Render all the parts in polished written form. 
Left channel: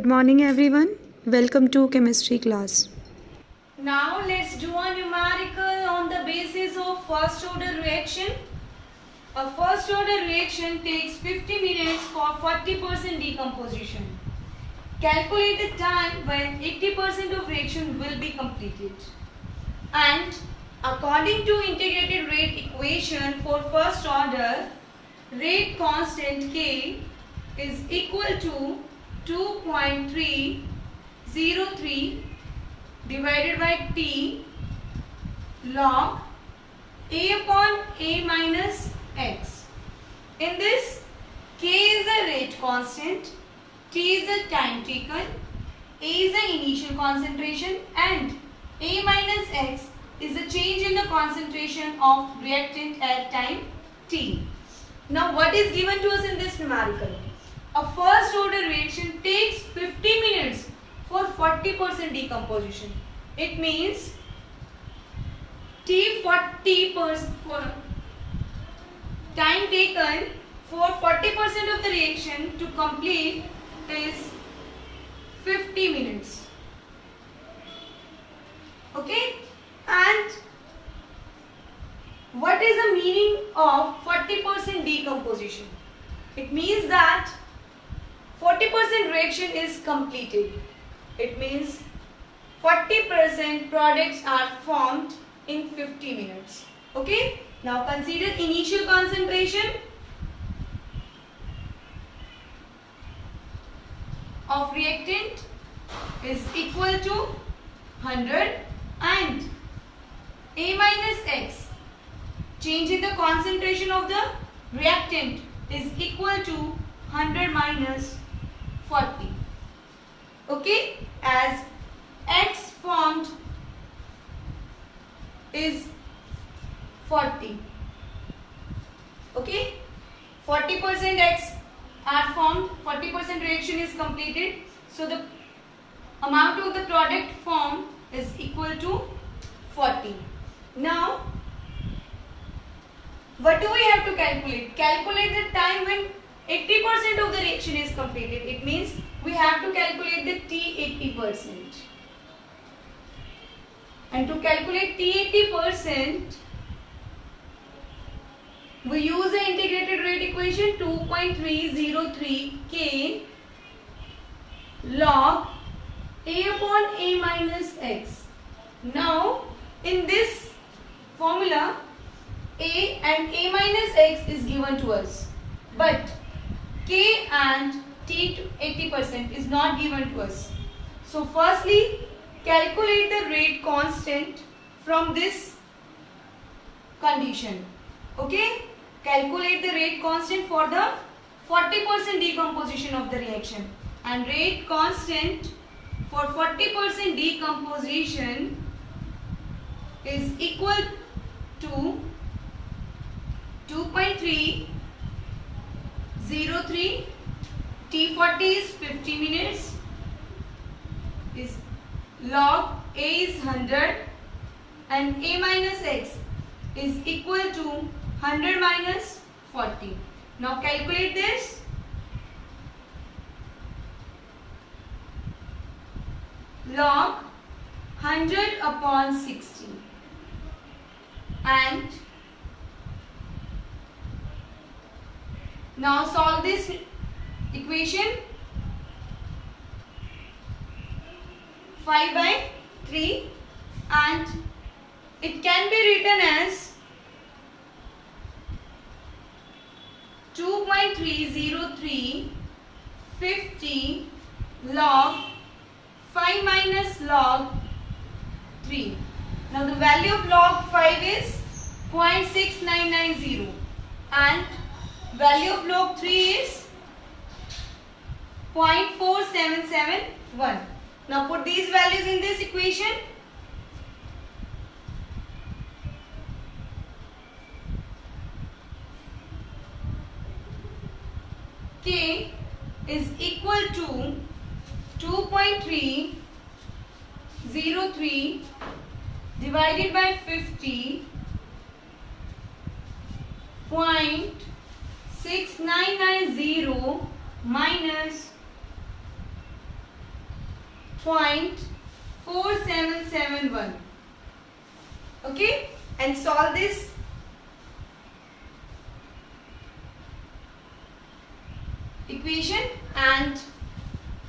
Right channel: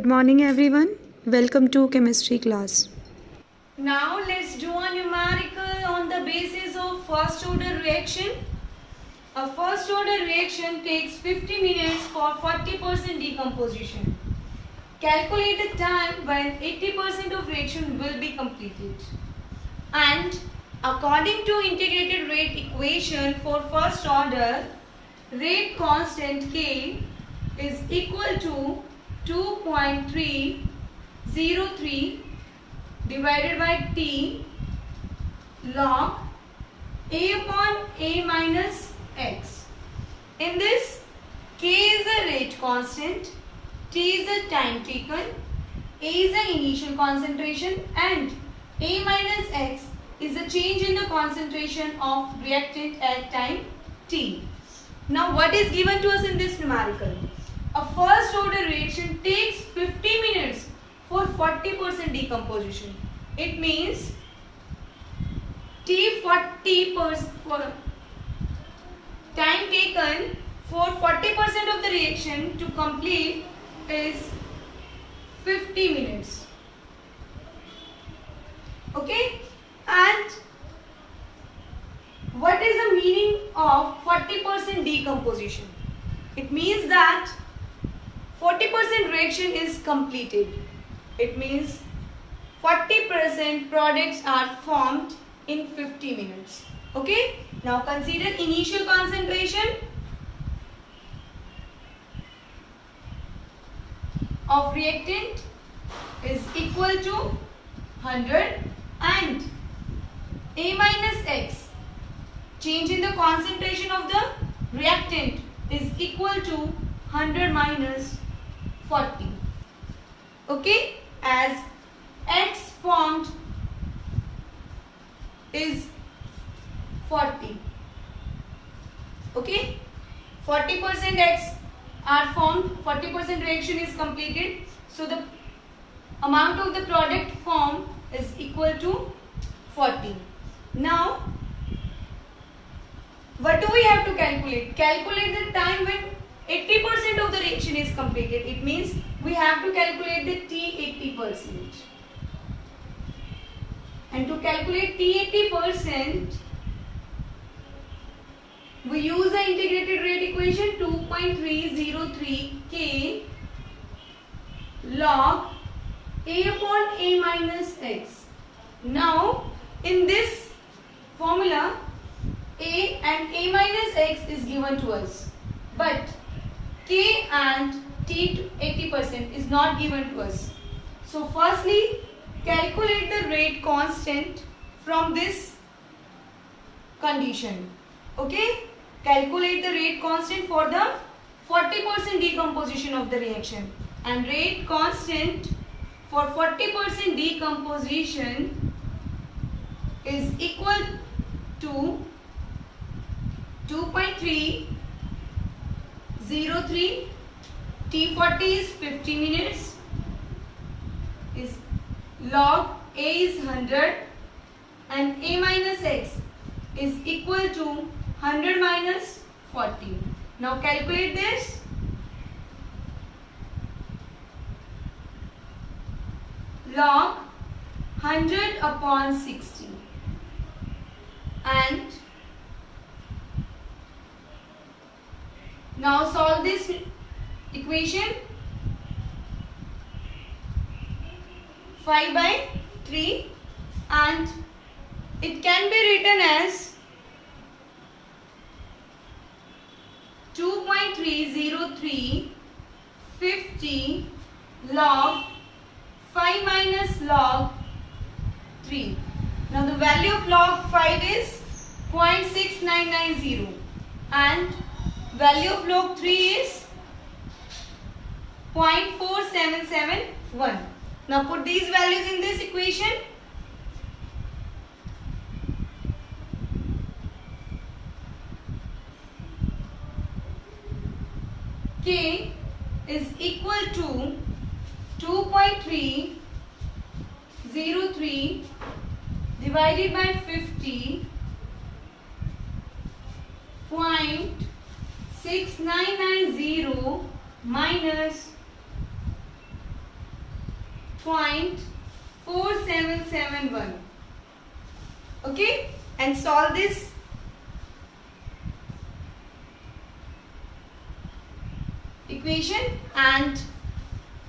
Good morning everyone. Welcome to chemistry class. Now let's do a numerical on the basis of first order reaction. A first order reaction takes 50 minutes for 40% decomposition. Calculate the time when 80% of reaction will be completed. And according to integrated rate equation for first order, rate constant K is equal to 2.303 divided by T log A upon A minus X. In this, K is the rate constant, T is the time taken, A is the initial concentration and A minus X is the change in the concentration of reactant at time T. Now what is given to us in this numerical? A first order reaction takes 50 minutes for 40% decomposition. It means T40% time taken for 40% of the reaction to complete is 50 minutes. Okay? And what is the meaning of 40% decomposition? It means that 40% reaction is completed. It means 40% products are formed in 50 minutes. Okay? Now consider initial concentration of reactant is equal to 100 and A minus X, change in the concentration of the reactant, is equal to 100 minus 40. Okay, as X formed is 40. Okay, 40% X are formed, 40% reaction is completed. So the amount of the product formed is equal to 40. Now, what do we have to calculate? Calculate the time when 80% of the reaction is completed. It means we have to calculate the T80%. And to calculate T80%, we use the integrated rate equation 2.303 K log A upon A minus X. Now, in this formula, A and A minus X is given to us, but K and T80% is not given to us. So firstly, calculate the rate constant from this condition. Okay? Calculate the rate constant for the 40% decomposition of the reaction. And rate constant for 40% decomposition is equal to 2.303. T40 is 50 minutes. Is log A is 100 and A minus X is equal to 100 minus 40. Now calculate this. Log 100 upon 60 and now solve this equation. 5 by 3 and it can be written as 2.303 50 log 5 minus log 3. Now the value of log 5 is 0.6990 and value of log 3 is 0.4771. Now put these values in this equation. K is equal to 2.303 divided by 50 0.6990 minus 0.4771. Okay, and solve this. Equation, and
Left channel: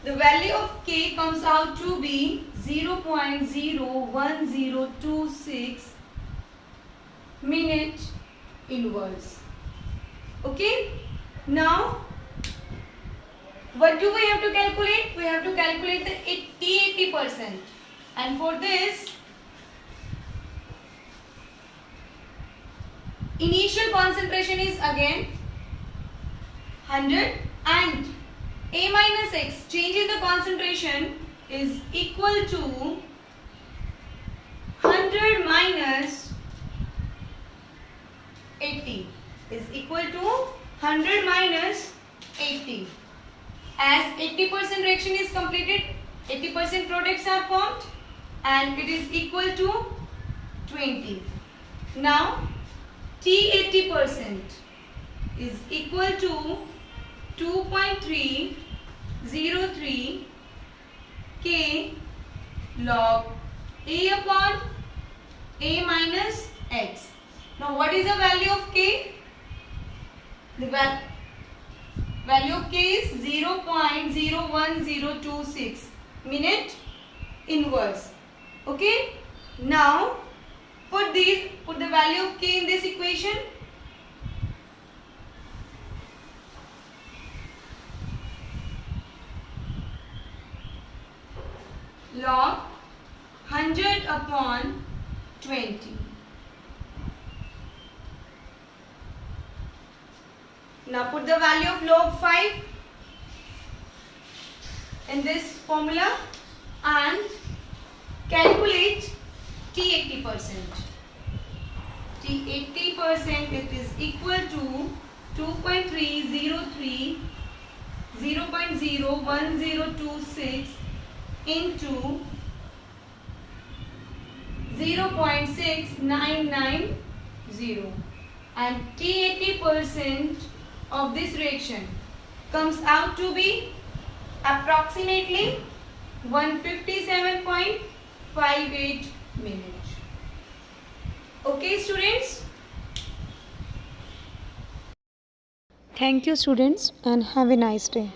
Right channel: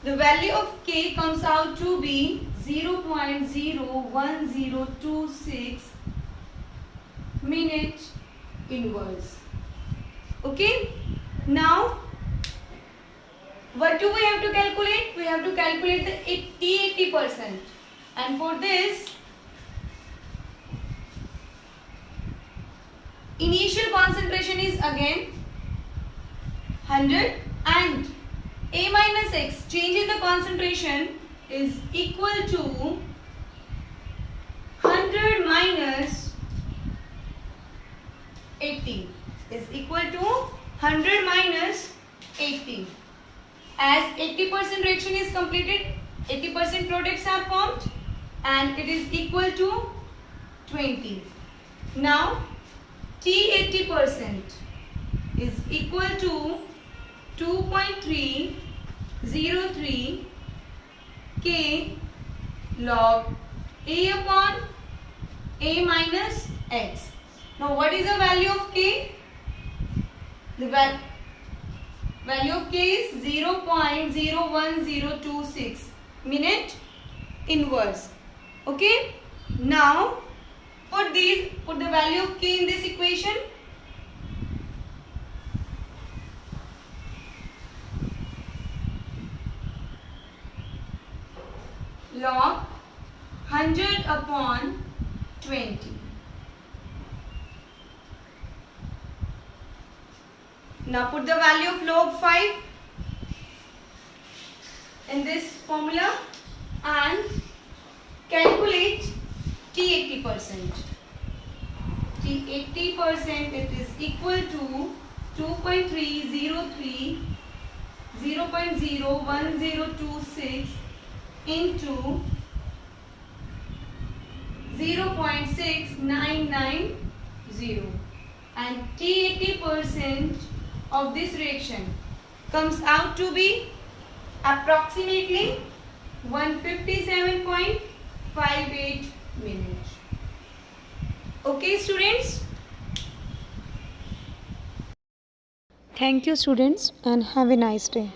the value of k comes out to be 0.01026 minute inverse. Okay, now what do we have to calculate? We have to calculate the 80%, and for this initial concentration is again 100, and A minus X, change in the concentration, is equal to 100 minus 80, is equal to 100 minus 80. As 80% reaction is completed, 80% products are formed, and it is equal to 20. Now T 80% is equal to 2.303 K log A upon A minus X. Now what is the value of K? The value of K is 0.01026 minute inverse. Okay. Now put the value of K in this equation. Log 100 upon 20. Now put the value of log 5 in this formula and calculate T 80%. T 80%, it is equal to 2.303 0.01026 into 0.6990, and T 80% of this reaction comes out to be approximately 157.58 minutes. Okay, students? Thank you, students, and have a nice day.